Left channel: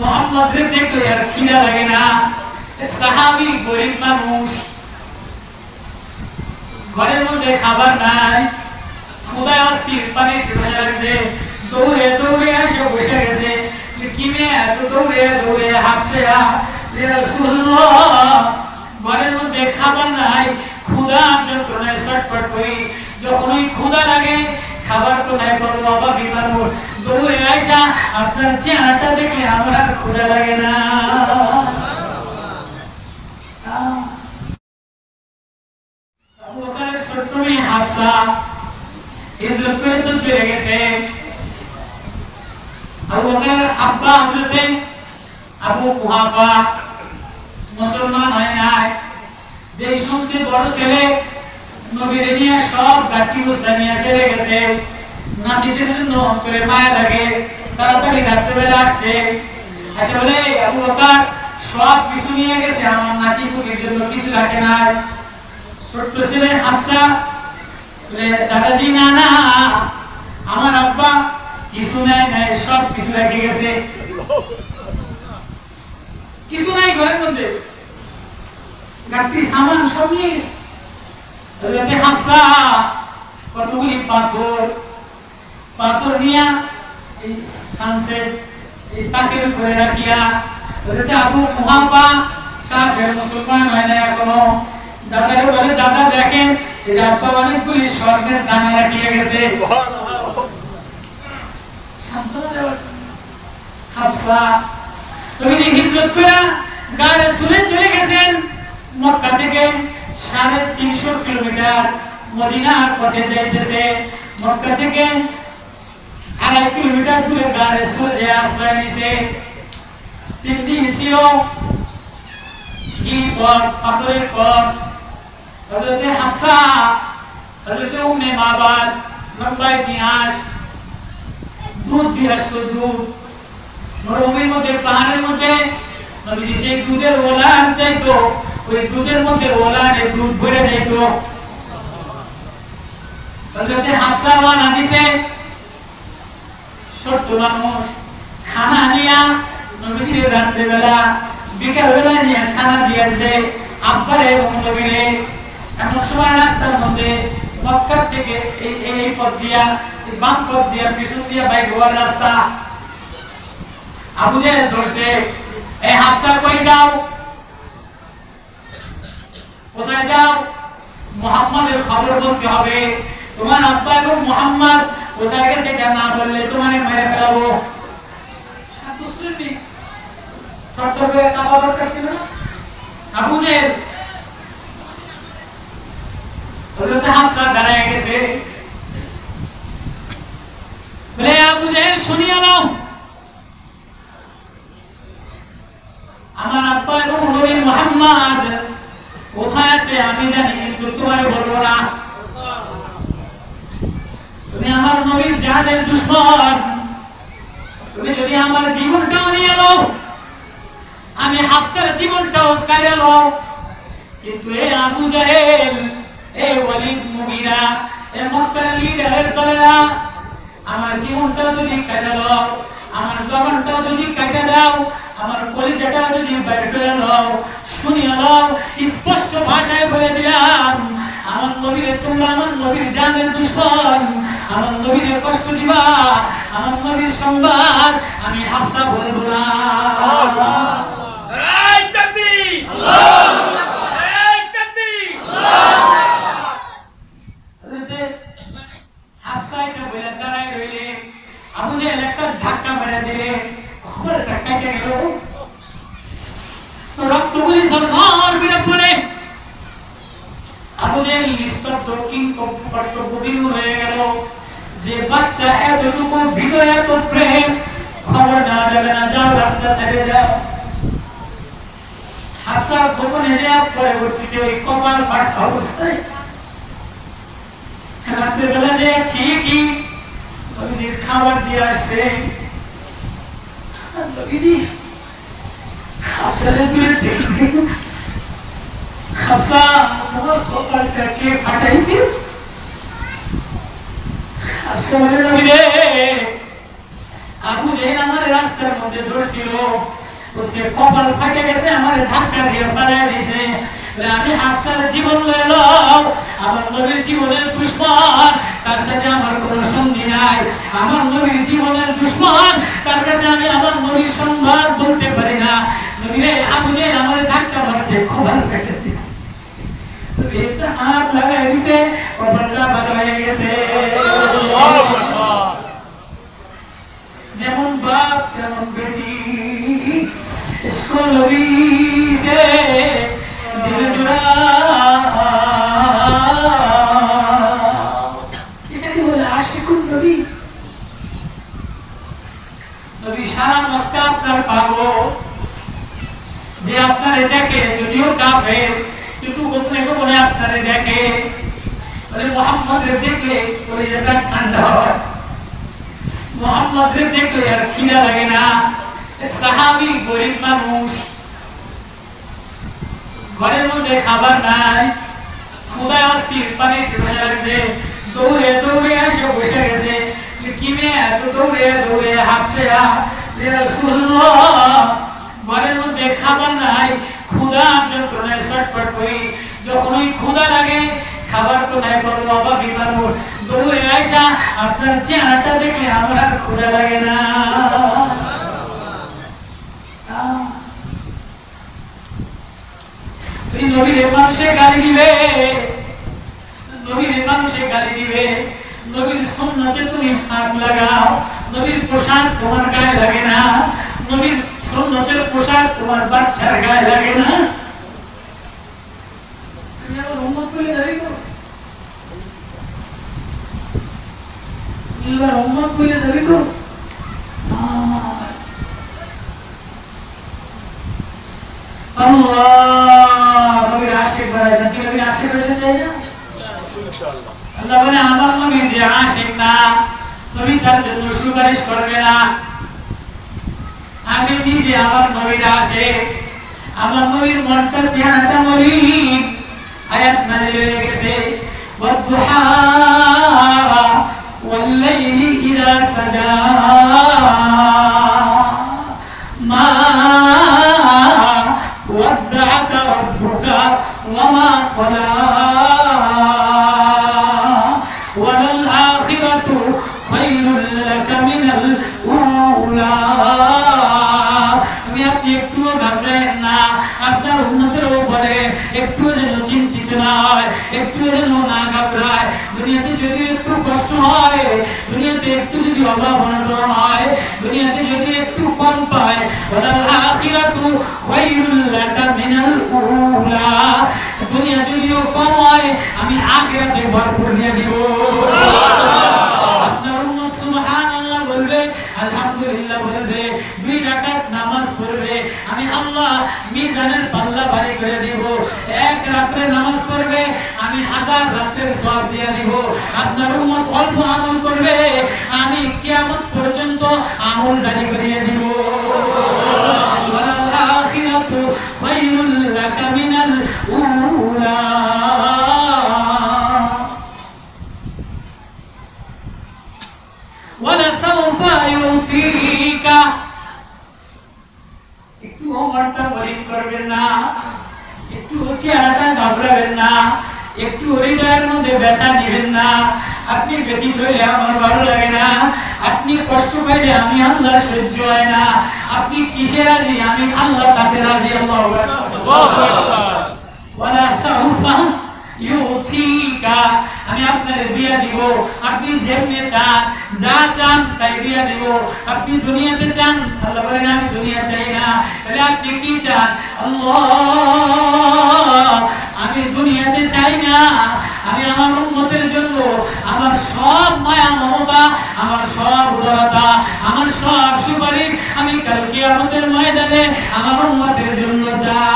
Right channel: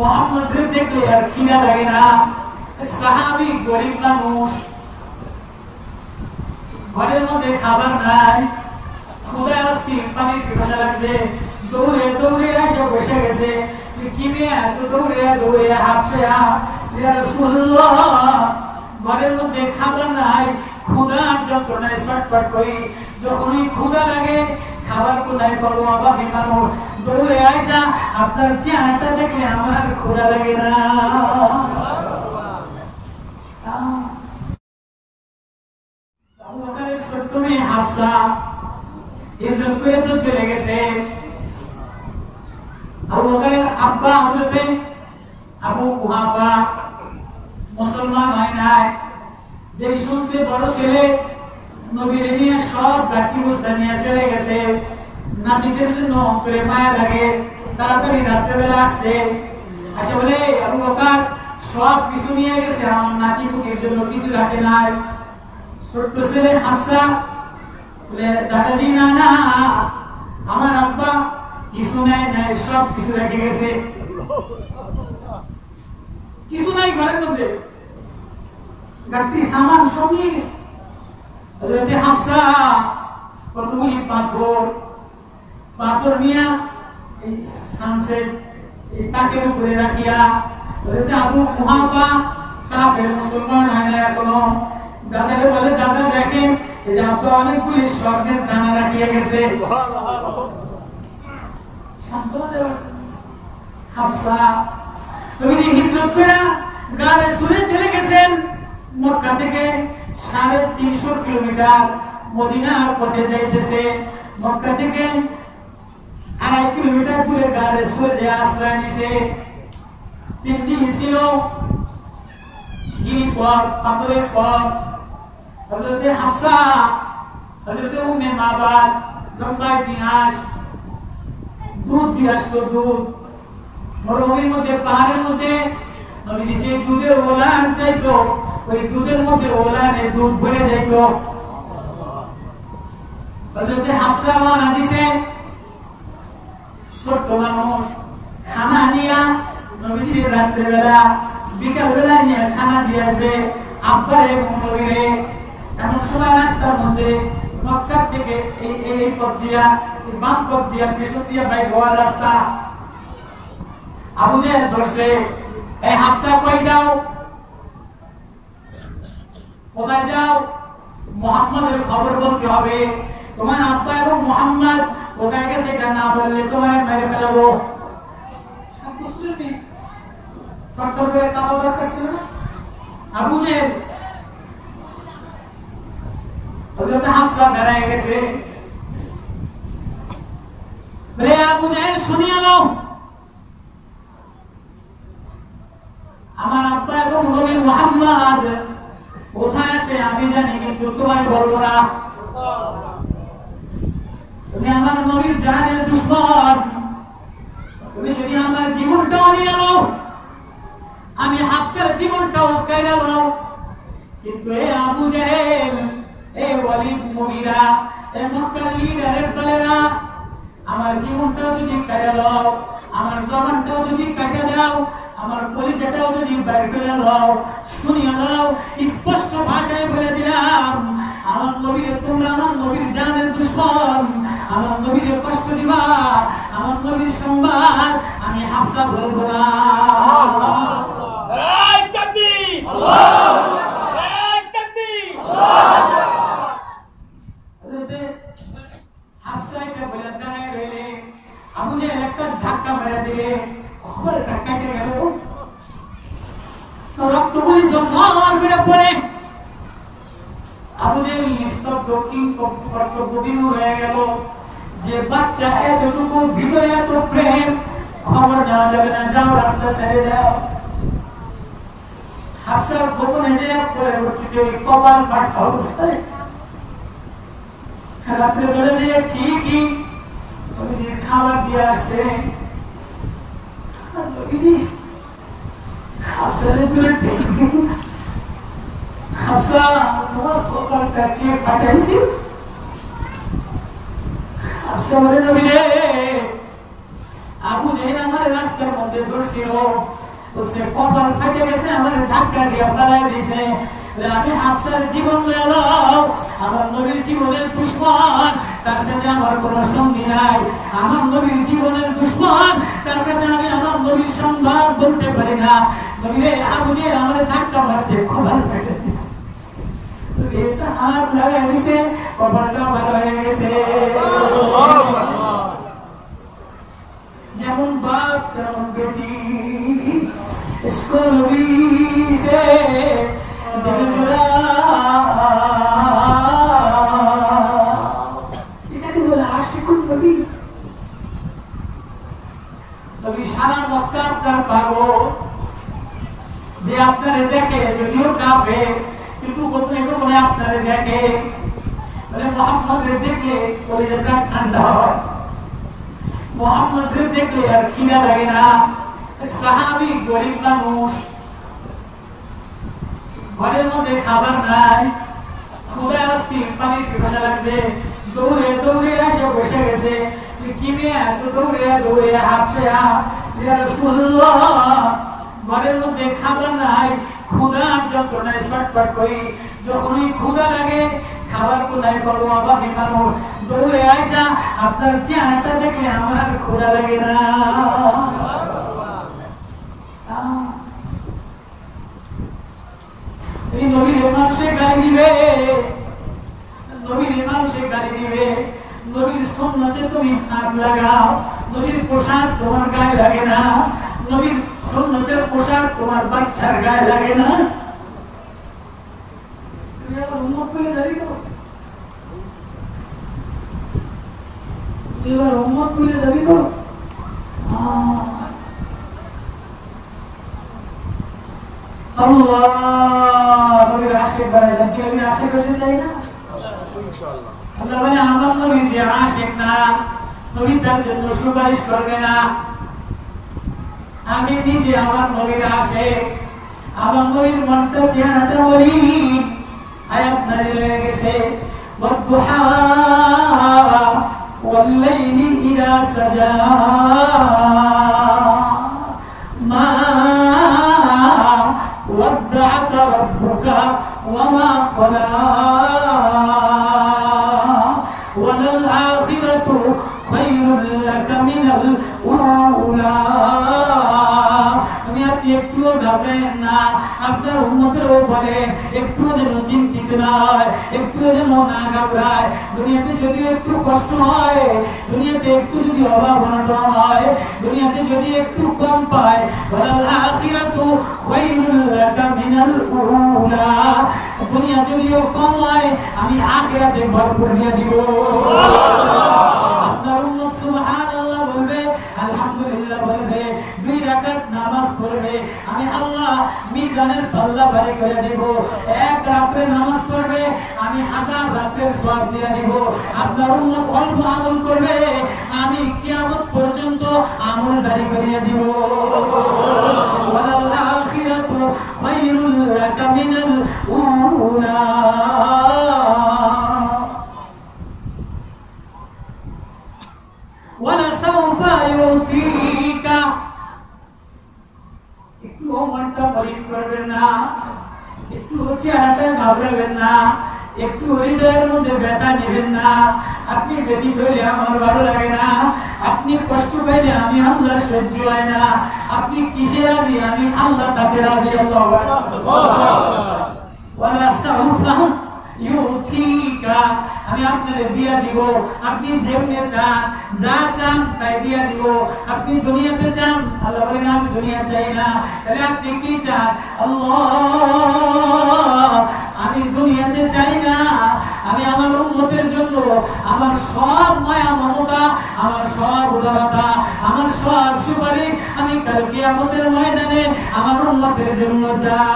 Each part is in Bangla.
মুহাম্মদকে দেখলে আর খিদা লাগে না। সাহাবী গরিব মানুষ, ঘরের মধ্যে খাবার নাই, ক্ষুধায় অস্থির, পানির পিপাসা লাগছে, দৌড়ে দৌড়ে এসে বসে গেছে। কি মেয়ে এত দৌড়ে দৌড়ে হাঁপছেয়া, ইয়া রাসূলুল্লাহ ঘরের মধ্যে খাবার নাই, ক্ষুধা যন্ত্রণায় ছটফট করি, যখনই ক্ষুধা লাগে খাবার কোথায় পাবো? অভাবী মানুষ দৌড়ে আইসা আপনার চেহারাটা দেখলে আমার আর ক্ষুধা লাগে না। আবু বকরের ছোট্ট মেয়ে হাফসা হিজরত করে তো চলে গেছে। আবু বকরের আব্বা হযরতে আবু কুহাফা মুসলমান হয় নাই। যেই শুনছে বড় ছেলে নবীর নিয়ে সব গাঠি বস্তা নিয়ে চলে গেছে, নাতিদের জন্য অন্তরে মায়া লাগে, তাড়াতাড়ি রাত্রেবেলা আসছে, আসে বলে আবু বকর সব কিছু নিয়ে গেছে, আমার নাতি পুতির জন্য কিছু রাখে নাই। ছোট্ট ছেলে হাফসা বলে দাদাজি না না, আমার আব্বা কিছু নাই নাই, সব কিছু রেখে গেছে, কিছু নাই ঘরের মধ্যে, গাঠি সামান সব নিয়ে গেছে। হযরতে হাফসা কতগুলি পাথর নিয়ে এই সানসেট এই তাকের উপরে রাখিয়া, হযরতে আবু কুহাফা কাফের মুসলমান হয় না এখনো, দাদারে বলে দাদা দেখেন এই যে আব্বা অনেকগুলি স্বর্ণের দানা রাখিয়ে গেছে। হাফসা নবীজি হিজরত করে গারে সুরে চলে গেছেন, মক্কা থেকে 350 কিলোমিটার মদিনার পথে যাইতেছে। মক্কা থেকে 2.5 কিলোমিটার দূরে গারে সুরে যে আশ্রয় নিছে। 3 দিন ছিল গিরিপথ, পাথরের পথ। হযরতে হাফসা, হযরতে উম্মে মাবাদ, লম্বা ইতিহাস, দুধ দিয়ে আসতো, দুধ মরুভূমির মধ্যে, পাহাড়ের মধ্যে নবীজি যে দুধের ওলান চাইতো, ওই দুধের মধ্যে ওলানের দুধ ভরে যাইত। হযরতে হাফসা ওয়ানা দিছে, ছোট্ট মানুষ খানা নিয়া নবীজির রাত্রেবেলা বিকালবেলা নিয়ে খানা দিয়ে আসবে আব্বারে এবং নবীরে। এমন সময় রাস্তার মধ্যে মক্কা থেকে এই পথ দিয়া, বাম পথ দিয়া, পিছন দিয়া বাইক হওয়ার রাস্তা। আবু জাহেল ধরছে, এই হাফসা কই যাও, কোথায় যাও? মুহাম্মাদের খবর বলতে হবে, তোমার আব্বা এবং মুহাম্মদ কোথায় গেছে এটা না বললে তোমারে মেরে ফেলাবো। থরথর করে কাঁপা দরকার ছিল না আবু জাহেল। হযরত হাফসা দাঁড়ায় গেছে, বলে আবু জাহেল শুনিয়া নাও, আমার আব্বা এবং নবী মুহাম্মদ কোথায় আছে আমি জানি, কিন্তু তোমারে বলবো না। তুমি আমার নবীর জানের দুশমন, তুমি যদি আমার জীবনটাও নিয়ে নাও, আমি হাফসার জীবনটাও কাইরা লও, কিন্তু এই আবু জাহেল, এই ওয়ালিদ মুগীরা, এই মক্কার লিডারের দলেরা আমার জীবনটাও যদি কাইরা লও, আমার জবানটাও যদি কাইটা দাও, আমার কলিজাটাও যদি বের করে দাও, শুনিয়া দাও, স্পষ্ট ভাষায় বলে দিলাম, আমার নবীরে তোমরা আমার নবীর জানের দুশমন, আমার নবীরে কষ্ট দিবা, আমার নবীর সংবাদ আমি হাফসা বলবো না। এই তাকবীর, আল্লাহু এই তাকবীর, আল্লাহু। হাফসা এটা বলে দাঁড়ায় রইলে, আবু জাহেল একটা ধাক্কা মেরে দিলে, খবরটা কেটে গেল, রক্তগুলি ঝরঝর করে পড়ে। আবু জাহেল নিস্তব্ধ, কিন্তু কর্তব্যবিমূঢ় হয়ে গেল, যে বাচ্চা এতটুকু ভিতরে এত প্রেম, খবর নেওয়া যাবে না, যাও রাস্তা ছেড়ে যাও। হাফসার গোপনে যে পরবর্তীতে ওই কপাল ফাটা অবস্থায় রাত্রেবেলা যে ঠিকই নবীজির খাবার দিয়ে আসছে, নবীজি হাফসারে দূরে দেখবে, হাফসা তোমার কপালটা কে ফাটাইছে? হাফসা বলে নবী রে, আবু জেহেল আমার রাস্তার মধ্যে ধরছিল, তো সে কপাল ফাটে গেছে, আমার ধাক্কা দিয়ে ফেলাই দিয়েছে। আমি হাফসার জীবন লয়ে এলাম, আমার নবীর জীবনের দুশমন, তার সাথে আমার কোনো সন্ধি নাই। আমার নবীর জীবনের দুশমন, তার কাছে আমি আমার নবীর সম্মান বলতে পারি না। নবীর আবু জেহেল আমার ধাক্কা মারছে, কপাল ফেটে দিয়েছে, এটা হাত লাগাই দিছে, কপালটা ভালো হয়ে গেছে। যেমন বাপ তেমন বেটি, इसको नबी से दिल जुड़ा, এটাকে বলে আশিকুন নবী। নবী সারা মক্কা আপনার পাগল, যে আপনারে দেখে, যদিও কাফের কিন্তু গোপনে গোপনে আপনারে দেখে, বলে মুহাম্মদরে দেখলে কলিজাটা ঠান্ডা হয়, মুহাম্মদরে দেখলে আর খিদা লাগে না। সাহাবী গরিব মানুষ, ঘরের মধ্যে খাবার নাই, ক্ষুধায় অস্থির, পানি পিপাসা লাগছে, দৌড়ে দৌড়ে এসে বসে গেছে। কি মেয়ে এত দৌড়ে দৌড়ে হাফসা, ইয়া রাসূলুল্লাহ ঘরের মধ্যে খাবার নাই, ক্ষুধা যন্ত্রণায় ছটফট করি, যখনই ক্ষুধা লাগে খাবার কোথায় পাবো, অভাবী মানুষ, দৌড়ে আয়সা আপনার চেহারাটা দেখলে আমার আর ক্ষুধা লাগে না। এই নবীর মানুষে গালি দিবে, নবীর মানুষে গালি দিবে, নবীর সুন্নতে তুমি হাত লাগাও, নবীর পোশাক তোমার গায়ে লাগে না, নবীর সুন্নতের পোশাক তোমার বাচ্চার গায়ে লাগে না। তুমি আবার উম্মত বলে দাবি করো, তুমি আবার উম্মত বলে দাবি করো। আল্লাহ নবীর আশিক বানাই, কি নবীর আশিক হতে চাই না? ইনশাআল্লাহ। আল্লাহ বলে আমার নবী যে আশিক না, নবী তার জন্য সুপারিশ করবে না। আমি নিজে আমার নবীর আশিক, আমার নবীর মনটা চেহারাটা মলিন। আয়াত নাযিল হয়ে গেছে, ওয়াদ-দুহা ওয়াল-লাইলি ইযা সাজা মা ودعك ربك وما قلى وللآخرة خير لك من الأولى। আমি আপনি একটুও ঘাবড়েন না, আপনার উম্মতেরও বলে একটুও যেন চিন্তিত না হয়, একটুও যেন না ঘাবড়ায়। দুনিয়াতে যদি একটু কষ্ট হয়, দুনিয়াতে একটু যদি অভাব অনটন হয়, দুনিয়াতে যদি একটু কম পায়, ওয়ালাল আখিরাতু খায়রুল লাকা মিনাল উলা, দুনিয়া যদিও কম হয় আমি আখিরাতে ভরপুর দিয়ে দিব। আপনার উম্মত সুবহানাল্লাহ বলবে, আলহামদুলিল্লাহ বলবে, 2 রাকাত নামাজ পড়বে, আমি আল্লাহ মিজানের পাল্লা ভারী করে দিব। 1 রাতে নামাজ পড়বে, আমি 1000 রাতের সওয়াব দিয়ে দিব। আপনার উম্মত অল্প আমল করবে, আমি কিয়ামত পর্যন্ত আমল জারি করিয়ে দিব। ওয়ালাল আখিরাতু খায়রুল লাকা মিনাল উলা। ওয়ালাসাউফা ইউতিকা, একটু মনটা মলিন করবেন না, একটু চেহারাটা ঘাবড়াবেন না, একটু হৃদয়ের মধ্যে ব্যথা দিবেন না। আপনি ব্যথিত হইলে আমার ভালো লাগে না, আপনি কষ্ট পাইলে আমি আল্লাহ সহ্য হয় না। আপনি কিসে রাজি? আমি আল্লাহ তাতে রাজি। আল্লাহু আকবার। ওয়ালাসাউফা ইউতিকা, আমি আপনারে দিয়া দিব। আপনি যেমনি চান, যা চান তাই দিয়া দিব। আপনি দুনিয়াতে চান, আল্লাহ বলেন আমি দুনিয়া চাই না। তাহলে আপনি কি চান? আল্লাহ আমি দুনিয়াতে চাই না, আমি আমার উম্মতের জন্য আমার সব মায়া মমতা, আমার সব উদারতা, আমার সব সুপারিশ আমি কাল কিয়ামতের ময়দানে আমার উম্মতের জন্য চান।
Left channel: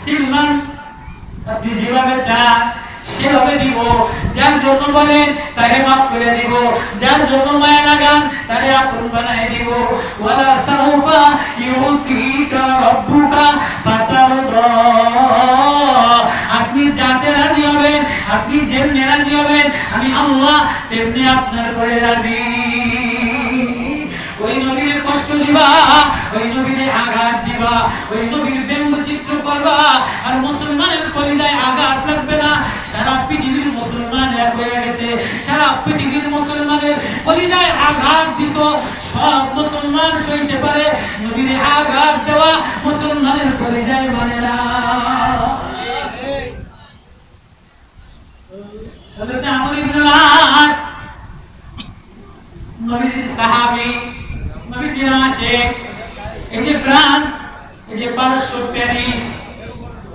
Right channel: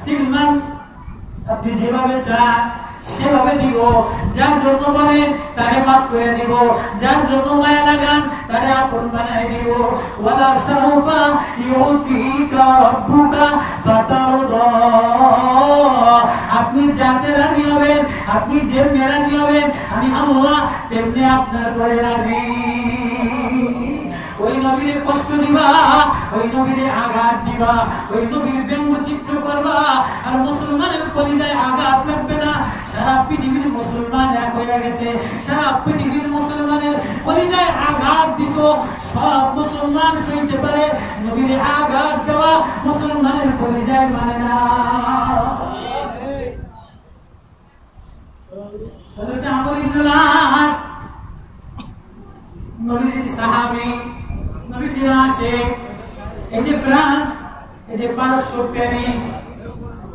সিলমান আপনি যেভাবে চান সেভাবে দিব। যার জন্য বলেন তাকে মাফ করে দিব, যার জন্য মায়া লাগান তাকে আপন বানাই দিব। ওয়ালা সাউফা ইউতিকা রাব্বুকা ফাতারদা, আপনি যাতে রাজি হবেন, আপনি যেমনি রাজি হবেন, আমি আল্লাহ তেমনি আপনার পরে রাজি। ওই নবীর কষ্ট দিবা, ওই নবীর আঘাত দিবা, ওই নবীর ব্যঙ্গচিত্র করবা, আর মুসলমানের কলিজায় আঘাত লাগবে না। সারা পৃথিবীর মুসলমান এক হয়ে গেছে, সারা পৃথিবীর মুসলমানের কলিজায় আঘাত দিছো, সব মুসলমান সইতে পারে, নবীর আঘাত দেওয়া মুসলমানের কলিজায় মানে না। হযরত আমর ইবনে আস নবীজির সাহাবী, নবীজির আশিক। এই যে ফ্রান্স, এই যে পারস্য প্যারিস,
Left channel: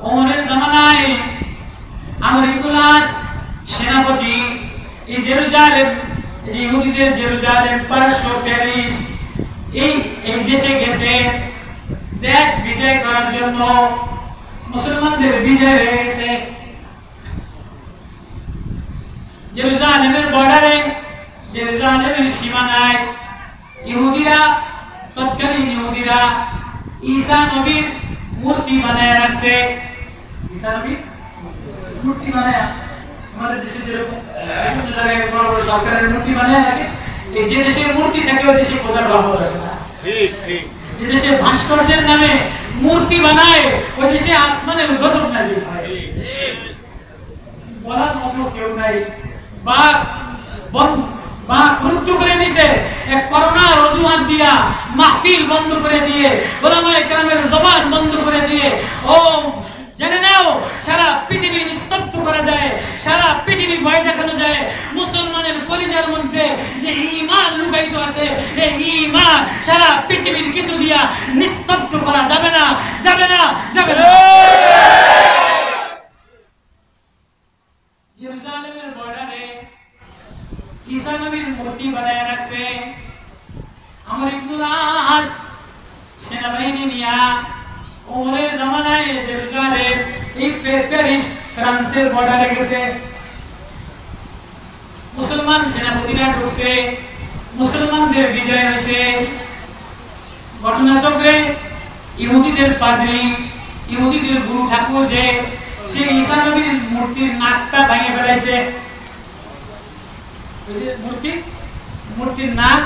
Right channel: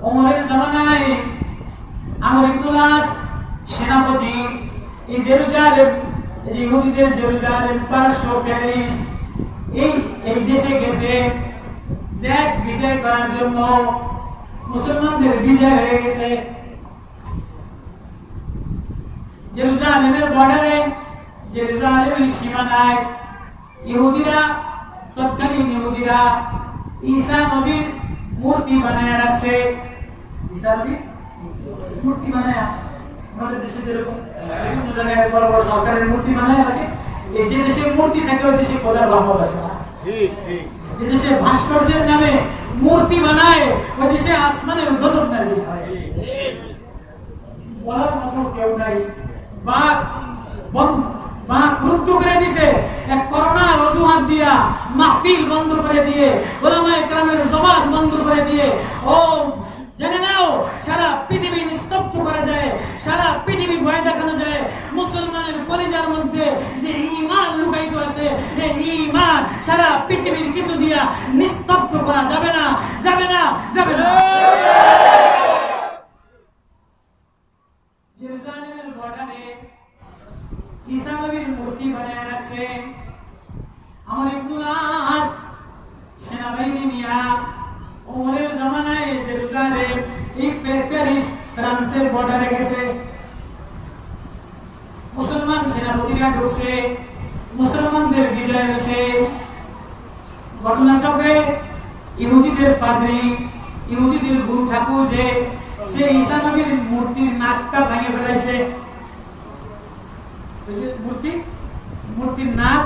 ওমরের জামানায় আমর ইবনে আস সেনাপতি, এই জেরুজালেম, এই যে ইহুদিদের জেরুজালেম, পারস্য প্যারিস, এই দেশে গেছে দেশ বিজয় করার জন্য। মুসলমানদের বিজয় হয়ে গেছে। জেরুজালেমের বর্ডারে, জেরুজালেমের সীমানায় ইহুদিরা, তৎকালীন ইহুদিরা ঈসা নবীর মূর্তি বানায় রাখছে। ঈসা নবীর মূর্তি বানায়, আমাদের দেশে যেরকম বিভিন্ন জায়গায় বড় বড় সরকারের মূর্তি বানায় রাখে, এই যে দেশে মূর্তি থাকে ওই দেশে খোদার রহমত আসে না। ঠিক ঠিক। যে দেশে ভাস্কর্যের নামে মূর্তি বানায় ওই দেশে আসমানের গজব নাজিল হয়। বলার মতো কেউ নাই। বাক রুদ্ধ করে দিছে, এক করোনার অজুহাত দিয়া মাহফিল বন্ধ করে দিয়ে, ওলামায়ে কেরামের জবান বন্ধ করে দিয়ে, ও জেনে নাও সারা পৃথিবী নিস্তব্ধ করা যায়, সারা পৃথিবী ভয় দেখানো যায়। মুসলমানের কলিজার মধ্যে যে ঈমান লুকায়িত আছে, এই ঈমান সারা পৃথিবীর কিছু দিয়া নিস্তব্ধ করা যাবে না, যাবে না, যাবে না। জেরুজালেমের বর্ডারে ঈসা নবীর মূর্তি বানায় রাখছে। আমর ইবনে আস সেনাবাহিনী নিয়া ওমরের জামানায় জেরুজালেম, এই প্যারিস, ফ্রান্সের বর্ডারে গেছে। মুসলমান সেনাপতিরা ঢুকছে, মুসলমানদের বিজয় হয়েছে। ঘটনাচক্রে ইহুদিদের পাদ্রী, ইহুদিদের গুরু ঠাকুর যে সে ঈসা নবীর মূর্তির নাকটা ভেঙে ফেলাইছে। ওই যে মূর্তির নাক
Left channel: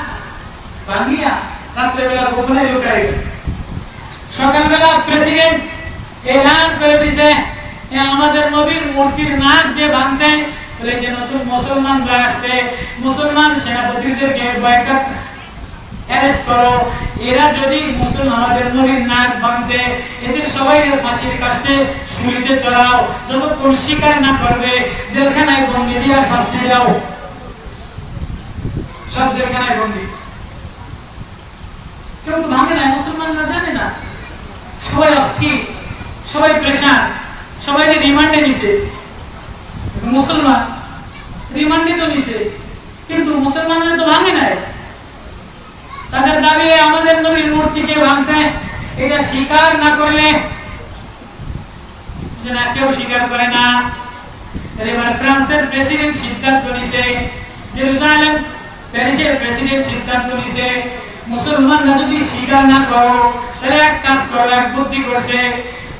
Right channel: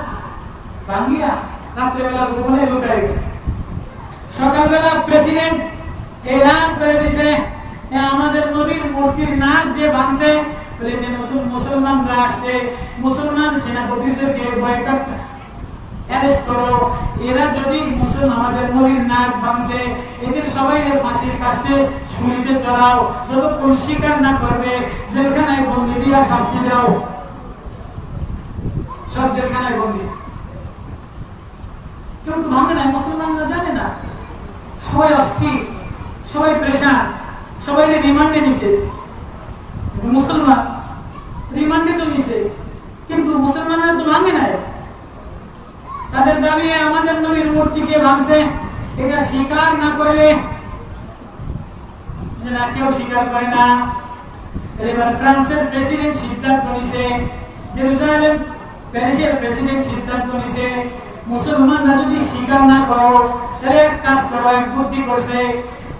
ভাঙিয়া রাত্রেবেলা গোপনে লুকায় গেছে। সকালবেলা প্রেসিডেন্ট এলান করে দিছে, আমাদের নবীর মূর্তির নাক যে ভাঙছে, বলে যে নতুন মুসলমানরা আসছে, মুসলমান সেনাপতিদেরকে বয়কট, অ্যারেস্ট করো। এরা যদি আমাদের নবীর নাক ভাঙছে, এদের সবাই ফাঁসির কাস্টে শুলিতে চড়াও, যতক্ষণ স্বীকার না করবে জেলখানায় বন্দি দিয়া শাস্তি দাও। সব জেলখানায় বন্দি। কেউ তো ভাঙে না, মুসলমানরা জানে না, সবাই অস্থির, সবাই প্রেশান, সবাই রিমান্ডে নিছে। মুসলমান রিমান্ডে তো নিছে, কিন্তু মুসলমানরা তো ভাঙে নাই। তাদের দাবি আমাদের নবীর মূর্তিকে ভাঙছে, এটা স্বীকার না করলে, না কেউ স্বীকার করে না। এবার ফ্রান্সের প্রেসিডেন্ট সিদ্ধান্ত নিছে, জেরুজালেম প্যারিসের প্রেসিডেন্ট সিদ্ধান্ত নিছে, মুসলমানরা যদি স্বীকার না করো তাহলে এক কাজ করো, এক বুদ্ধি করছে,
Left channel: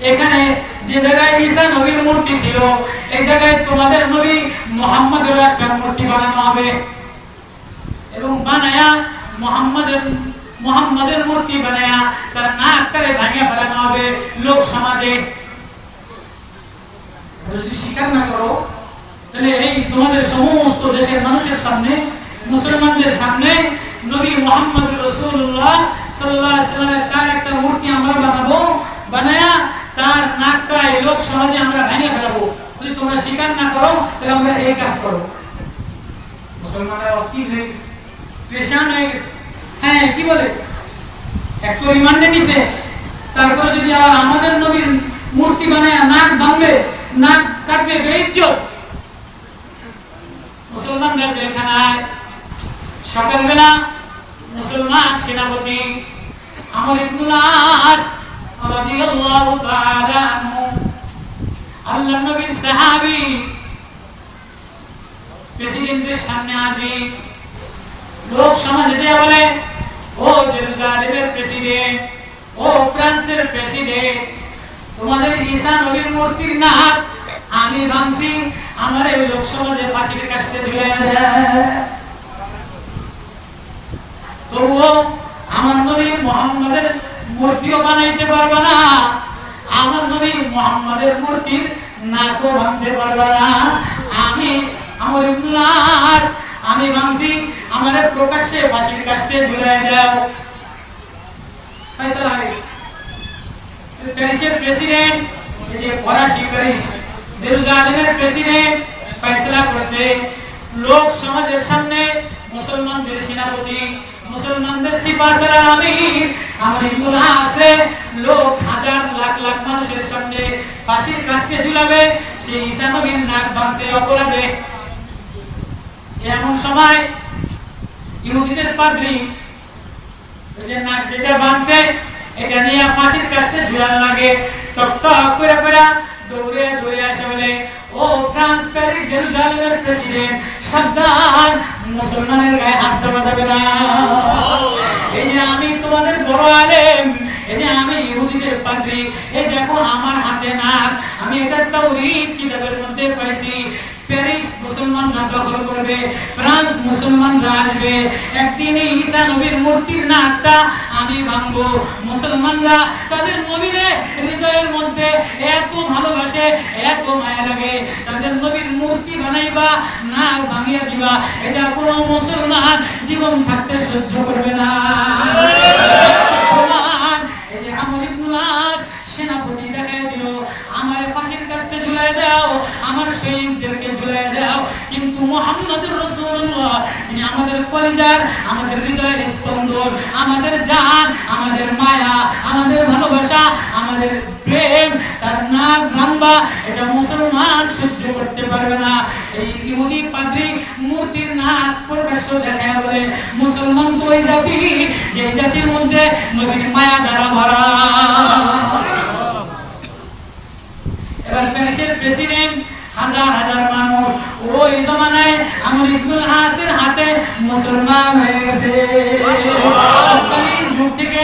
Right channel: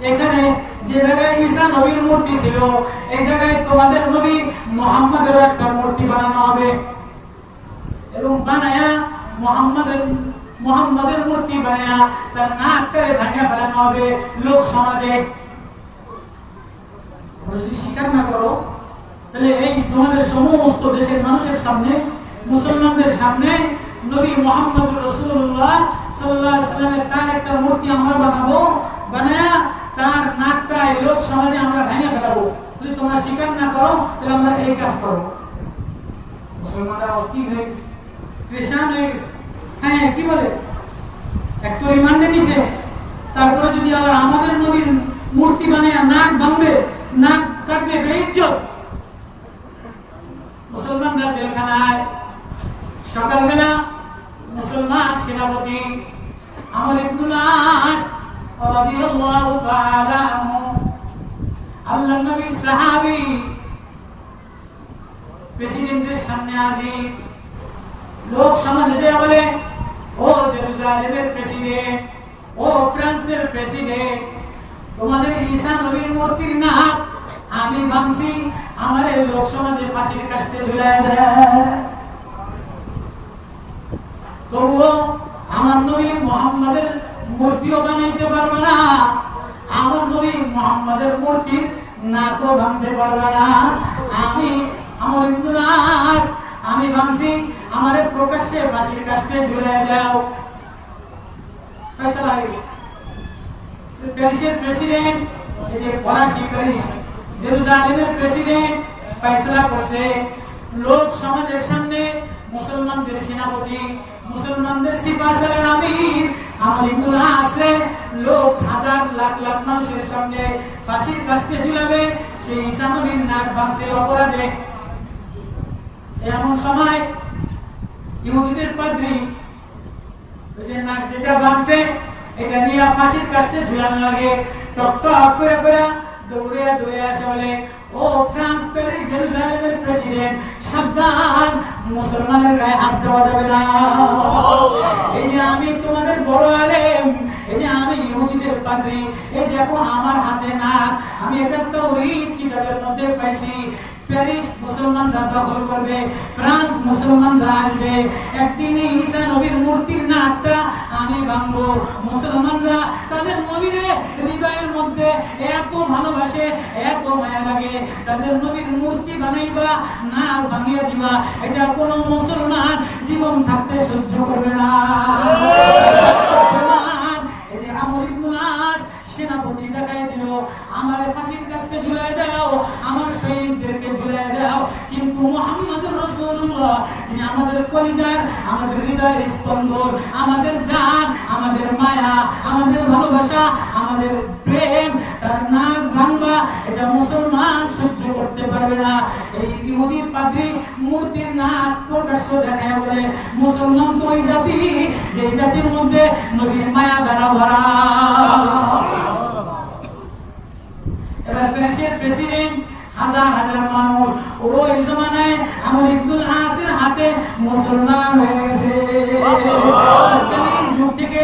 এখানে যে জায়গায় ঈসা নবীর মূর্তি ছিল এই জায়গায় তোমাদের নবী মুহাম্মদের একটা মূর্তি বানানো হবে, এবং বানায়া মুহাম্মদের মূর্তি বানায়া তার নাকটারে ভেঙে ফেলানো হবে লোক সমাজে। যদি স্বীকার না করো তাহলে এই তোমাদের সমস্ত দেশের মানুষের সামনে, মুসলমানদের সামনে নবী মুহাম্মদ রাসূলুল্লাহ সাল্লাল্লাহু আলাইহি ওয়াসাল্লামের তার একটা মূর্তি আমরা বানাবো, বানায়া তার নাকটা এই লোক সমাজে আমরা ভেঙে ফেলাবো। যদি তোমরা স্বীকার না করো তাহলে আমরা এই কাজ করব। মুসলমানরা অস্থির হয়ে গেছে, পেরেশান হয়ে গেছে। হ্যাঁ, কি বলে, এক তো রিমান্ডে নিছে, তারপরে যদি আবার আমাদের নবীর মূর্তি বানায়া নাক ভাঙবে, নাক কাটবে, বেইজ্জত। মুসলমানরা জেলখানায়। সকালবেলা মুসলমান সেনাপতি আমর ইবনে আস রাদিয়াল্লাহু তাআলা আনহু, আল্লাহর নবীর সাহাবী, প্রেসিডেন্টের সামনে হাজির। লোক সমাজে যে বলে, ও জেরুজালেমের প্রেসিডেন্ট, ও ফ্রান্সের প্রেসিডেন্ট, তোমাদের ঈসা নবীর মূর্তির নাক আমি ভাঙছি আমার এই লোক সমাজে ফাঁসির কাস্টে ঝুলাইয়া দেয়। তবুও আমার নবী মুহাম্মাদের মূর্তিও বানাইতে পারবে না, আমার নবী মুহাম্মাদের মূর্তির নাকও ভাঙতে পারবে না। আমি আমর ইবনে আস আমি ভাঙছি আমারে প্রকাশ্যে ফাঁসির কাস্টে ঝুলাইয়া দাও। ফয়সালা হয়ে গেছে। প্যারিসের প্রেসিডেন্ট, এই যে ফরাসি প্যারিস জেরুজালেমের প্রেসিডেন্ট ফয়সালা করছে লোক সমাজের সামনে মুসলমানদের সেনাপতি, মুসলমানদের সিপাহসালার আমির আমর ইবনে আসরে লোক হাজার লাখ লাখ মানুষের সামনে ফাঁসির কাস্টে ঝুলাবে, সেই ঈসা নবীর নাক ভাঙছে অপরাধে। এমন সময় ইহুদিদের পাদ্রী ওই যে নাক যেটা ভাঙছে এটা নিয়ে ফাঁসির কাস্টে ঝুলানো লাগে, টক টক করে করে দৌড়ে দৌড়ে আসে বলে, ও ফ্রান্স প্যারিস জেরুজালেমের প্রেসিডেন্ট, সাবধান, মুসলমানের গায়ে হাত দেওয়া যাবে না। এই যে আমি তোমাদের বড় আলেম, এই যে আমি ইহুদিদের পাদ্রী, এই দেখো আমার হাতে নাক, আমি এটা তাওরীত কিতাবের মধ্যে পাইছি। প্যারিস মুসলমানরা দখল করবে, ফ্রান্স মুসলমানরা আসবে, একদিন ঈসা নবীর মূর্তির নাকটা আমি ভাঙবো। মুসলমানরা তাদের নবীর হৃদয়ের মধ্যে এত ভালোবাসে, এত মায়া লাগে, তাদের নবীর মূর্তি বানাইবা, নাক ভাঙিয়া দিবা, এটা কোনো মুসলমান জীবন থাকতে সহ্য করবে না। এই যে আমর ইবনে আস সেনাপতি দেখায় দিল, আমারে ফাঁসির কাস্টে ঝুলাই দাও, আমার শহীদদেরকে ঝুলাই দাও। কিন্তু মুহাম্মদুর রাসূলুল্লাহ, যিনি আমাদের কলিজার, আমাদের হৃদয়ের স্পন্দন, আমাদের জান, আমাদের মায়া, আমাদের ভালোবাসা, আমাদের প্রেম, তার নাক ভাঙবা এটা মুসলমান সহ্য করতে পারবে না। এই ইহুদি পাদ্রী মূর্তির নাক প্রকাশ্য দেখায় বলে, মুসলমান তো ওই জাতি যে জাতির মধ্যে নবীর মায়া দ্বারা ভরা। এবার প্যারিসের প্রেসিডেন্ট, হাজার হাজার মানুষ ওই জমানায় আমর ইবনে আসের হাতে মুসলমান হয়ে গেছে। যুগ থেকে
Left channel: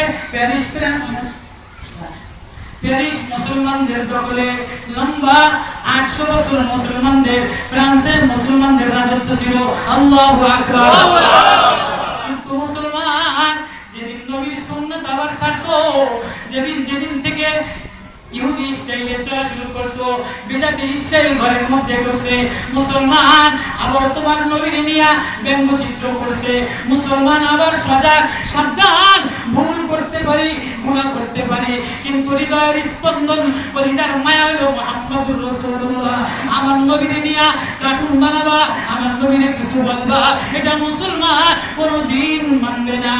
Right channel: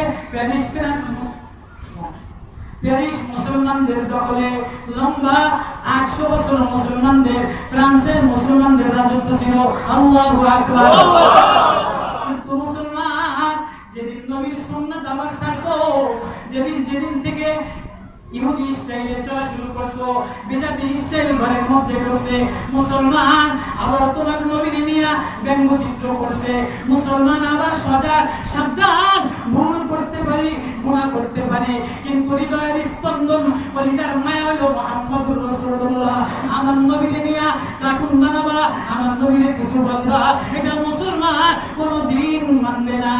প্যারিস মুসলমানদের দখলে, লম্বা 800 বছর মুসলমানদের, ফ্রান্সের মুসলমানদের রাজত্ব ছিল। আল্লাহু আকবার। কিন্তু মুসলমান যেদিন নবীর সুন্নাত আবার ছাড়ছো, যেদিন থেকে ইহুদি স্টাইলে চলা শুরু করছো, বিজাতি স্টাইল ঘরের মধ্যে ঢুকছে, মুসলমান আবার তোমার নবীর নিয়া ব্যঙ্গচিত্র করছে। মুসলমান আবার সজাগ, সাবধান, ভুল করতে পারি, গুনাহ করতে পারি, কিন্তু হৃদয়ের স্পন্দন, কলিজার মায়া হলো মুহাম্মদুর রাসূলুল্লাহ। আমার নবীর নিয়া কার্টুন বানাবা, আমার নবীর কিছু বলবা, এটা মুসলমান কোনোদিন মানবে না।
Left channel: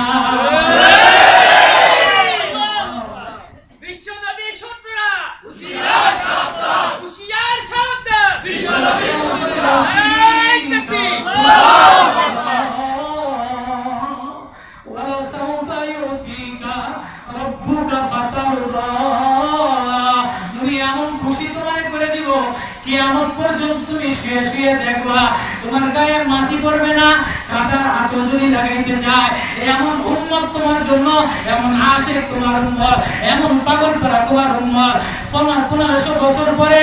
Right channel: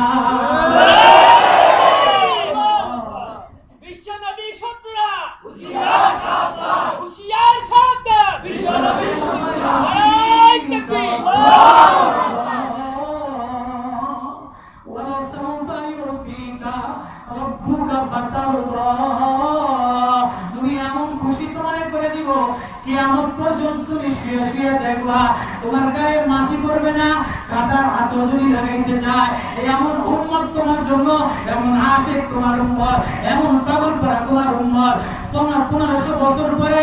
কিয়ামত পর্যন্ত তুমি শুয়ে শুয়ে দেখবা, তোমার গায়ে মাছি পড়বে না, কাঁটার আঁচল যদি লাগাইতে চায়, এমন উম্মত তোমার জন্য, এমন আশিক তোমার উম্মত, এমন পাগল পারা তোমার উম্মত। 1500 বছর পরে,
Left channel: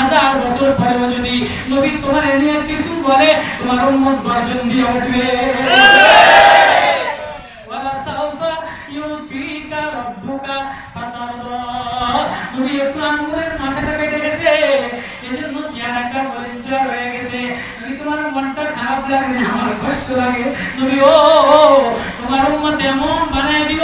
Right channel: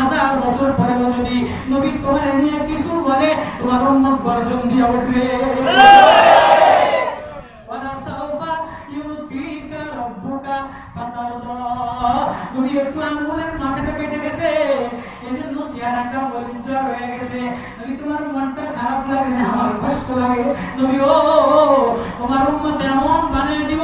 1000 বছর পরেও যদি নবী তোমার নিয়ে কিছু বলে, তোমার উম্মত গর্জন দিয়ে উঠবে। ওয়ালা সাউফা ইউতিকা রাব্বুকা ফাতারদা। নবী একটু আঙ্গুরের মাথাটা কেটে গেছে, এজন্য চেহারাটা বলিঞ্চর হয়ে গেছে। নবী তোমার মনটা খারাপ লাগে, আমার কষ্ট লাগে। নবী ও তোমার উম্মত এমন বানায় দিব,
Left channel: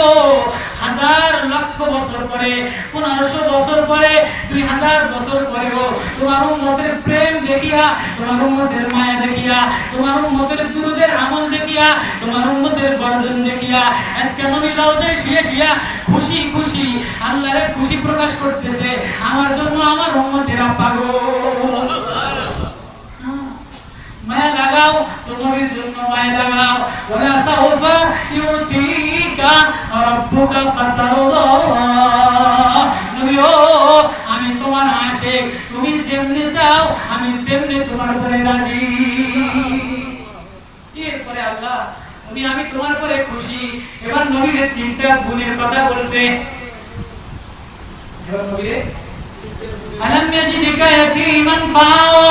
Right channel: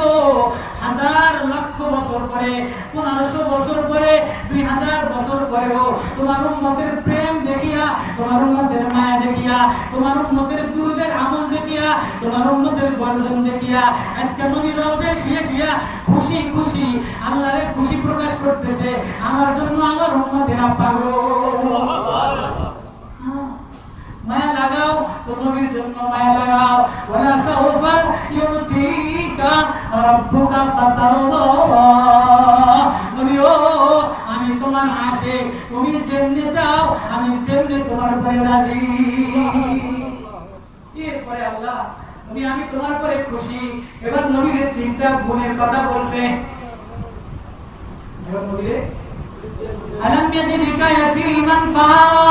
1000 লক্ষ বছর পরে, 1500 বছর পরে, 2000 বছর পরেও তোমার উম্মতের প্রেম দেখিয়া, তোমার উম্মতের মায়া দেখিয়া, তোমার উম্মতের দুরুদের আমল দেখিয়া, তোমার উম্মতের গর্জন দেখিয়া, আজকে নবী রওজায় শুয়ে শুয়ে খুশি খুশি আল্লাহর খুশি প্রকাশ করতেছে, আমার জন্য আমার উম্মতেরা পাগল। মায়া লাগাও তো নবীর জন্য মায়া লাগাও। ওয়ালা সাউফা ইউতিকা রাব্বুকা ফাতারদা। নবী ও আমি তোমার আশিক, তুমি যেমনি চাও আমি তেমনি তোমার উপরে রাজি। এরপরে আল্লাহ নবী আমি তোমার উপরে খুশি। এবার নবীর 3টা গুণের কথা বলছে। এবার নবীর আলাম ইয়াজিদিকা ইয়াতীমান ফাআওয়া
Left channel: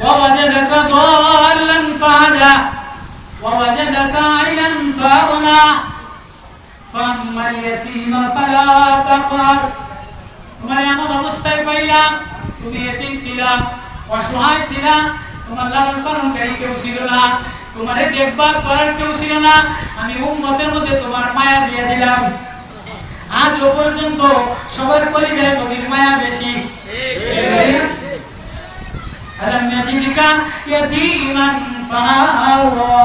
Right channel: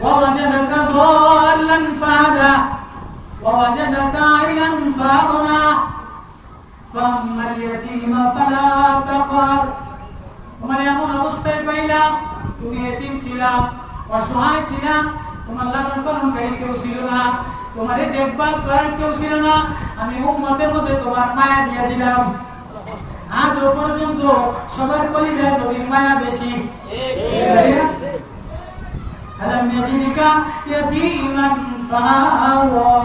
ওয়া ওয়াজাদাকা দাল্লান ফাহাদা ওয়া ওয়াজাদাকা আইলান ফাআগনা ফাআম্মাল ইয়াতীমা ফালা তাকহার। তোমার এমন অবস্থায় পাইলাম, তুমি এতিম ছিলা, অসহায় ছিলা, তোমার লালন পালনকারী কেউ ছিল না, তোমার দেখভাল করার কেউ ছিল না, আমি উম্মতের মধ্যে তোমার মায়া দিয়ে দিলাম। আজ পর্যন্ত সবার কলিজায় নবীর মায়া বেশি। আলাম ইয়াজিদিকা ইয়াতীমান ফাআওয়া।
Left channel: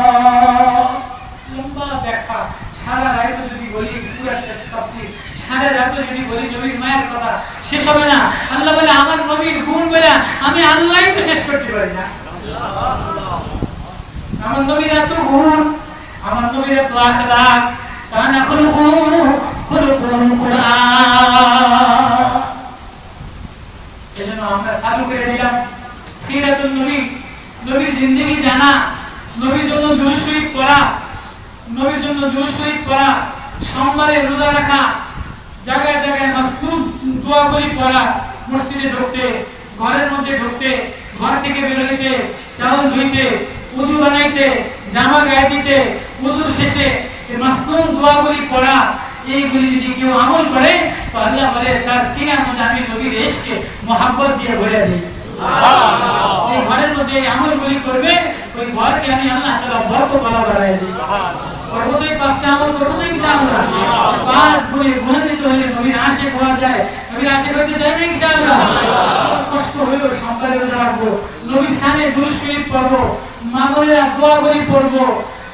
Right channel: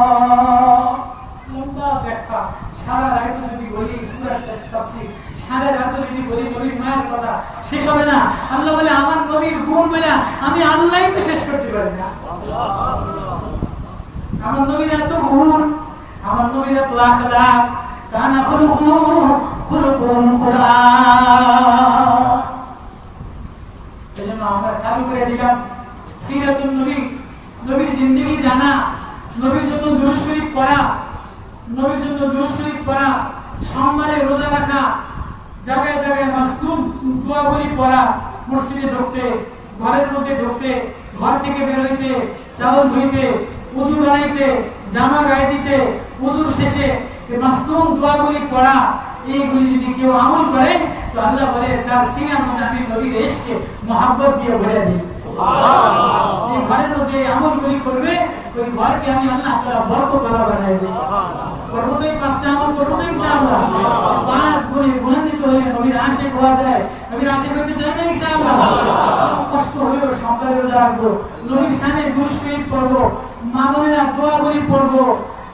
লম্বা ব্যাখ্যা, সারা রাত যদি বলি সূরার তাফসীর, সারা রাত যদি বলি নবীর মায়ের কথা শেষ হবে না। আল্লাহ বলে আমার নবীর গুণ বলে আমি আল্লাহই তো শেষ করতে পারি না। আমার নবীর এত গুণ, আমার নবীর এত আখলাক, কানা খুলুকুল কুরআন। এজন্য আমরা চালু করে দিলাম সিরাতুন নবী, নবীর জিন্দেগি জানা, নবীর জন্য দুরূদ শরীফ পড়া, নবীর জন্য দুরূদ শরীফ পড়া, সোমবারে রোজা রাখা, জায়গায় জায়গায় মাসনুন দোয়াগুলি পড়া, মসজিদে ঢুকতে, ঘরের মধ্যে ঢুকতে, ঘর থেকে বের হইতে, চাউল ধুইতে, উযু বানাইতে, জামা গায়ে দিতে, উযুর শেষে এই মাসনুন দোয়াগুলি পড়া, এইগুলি যদি কেউ আমল করে তো আল্লাহ বলে তার সিনার মধ্যে আমি নবীর ইশকে মোহাব্বত দিয়ে ভরে দিই। সুবহানাল্লাহ। যে ঘরের মধ্যে এই আমলগুলি করবে ওই ঘরকে আমি আল্লাহ তাআলা বরকতওয়ালা বানায় দিই। করব তো এই পাঁচটা আমল করব তো ইনশাআল্লাহ। পাঁচ গুণে গুণান্বিত হলে নবীর আশিক হওয়া যায়। নবীর আশিক হতে চাই না ইনশাআল্লাহ। কষ্ট হলেও সকালে রোজা রাখবো, নবীর শানে দুরূদ শরীফ পড়ব, মা বোনেরা দোয়াগুলি পড়ব,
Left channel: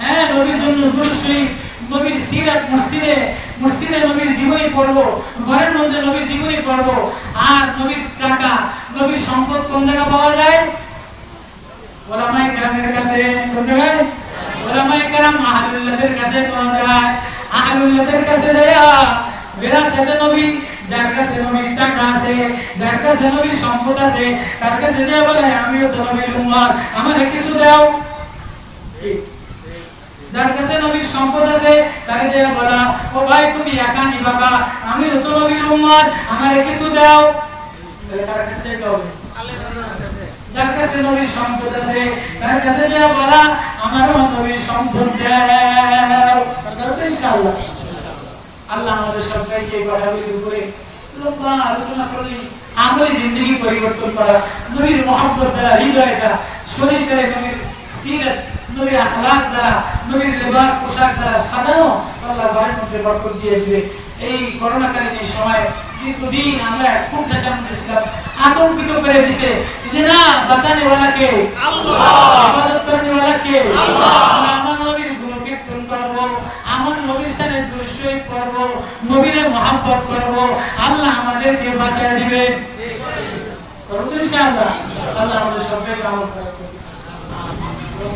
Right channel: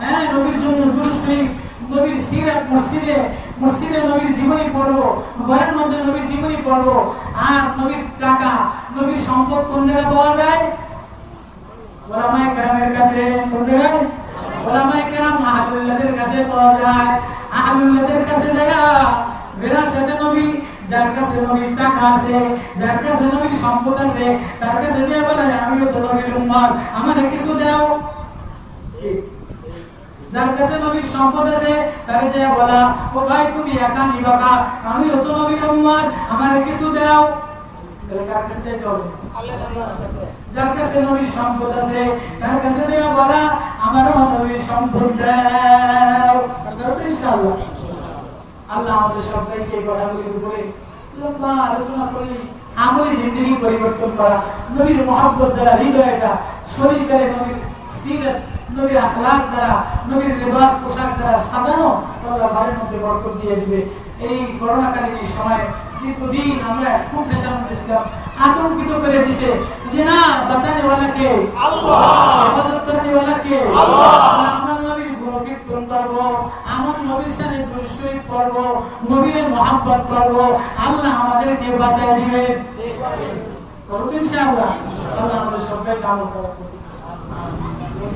হ্যাঁ নবীর জন্য দুরূদ শরীফ, নবীর সিরাত মসজিদে নবীর জীবনী পড়ব, ঘরের মধ্যে নবীর জীবনী পড়ব। আর নবীর টাকা, নবীর সম্পদ কোন জায়গায় পাওয়া যায়? ওলামায়ে কেরামের কাছে। কোন জায়গায়? ওলামায়ে কেরাম আহলুল্লাহদের কাছে পাওয়া যায়। আহলুল্লাহদের কাছে যায় বিরাসতে নবী, যার কাছে নবীর টাকা আছে, যার কাছে নবীর সম্পদ আছে, তার কাছে যে বলে আমিও তো নবীর উম্মত, আমারে কিছু দাও। যার কাছে নবীর সম্পদ আছে তাকে যে বলা ও ভাই তুমি একা নিবাকা, আমিও তো নবীর উম্মত, আমারে কিছু দাও। তার কাছে যেতে হবে। যার কাছে নবীর সম্পদ আছে তার কাছে যে বলা আমারও নবীর সম্পদ দাও। তারপরে ইনশাআল্লাহ আল্লাহ আমাদের সবাইকে এই কথাগুলির উপরে লম্বা আলোচনা করলি আমলে জিন্দেগি পরিবর্তন করা, নবীর মহব্বত দ্বারা হৃদয়টা, শরীর দ্বারা নবীর সিরাত, নবীর আখলাক দ্বারা, নবীর লিবাস পোশাক দ্বারা সাজানো, আল্লাহ ঘরের মধ্যে বরকত দিয়ে দিবে। এই করোনাকালীন এই সময় দীর্ঘদিন আমরা খুব টেনশন ছিলাম, আতঙ্কিত করে দিছে যে না বাঁচানে ওয়ালা কে আল্লাহ, হেফাজত করনে ওয়ালা কে আল্লাহ। আমার নবীর গুণকীর্তন করব, আমার নবীর শানে দুরূদ শরীফ পড়ব, নবীরে মহব্বত করব, আল্লাহ আমাদেরকে বাঁচিয়ে দিবেন। করব ইনশাআল্লাহ। আল্লাহ আমাদের সবাইকে আমল করার তৌফিক দান করুন।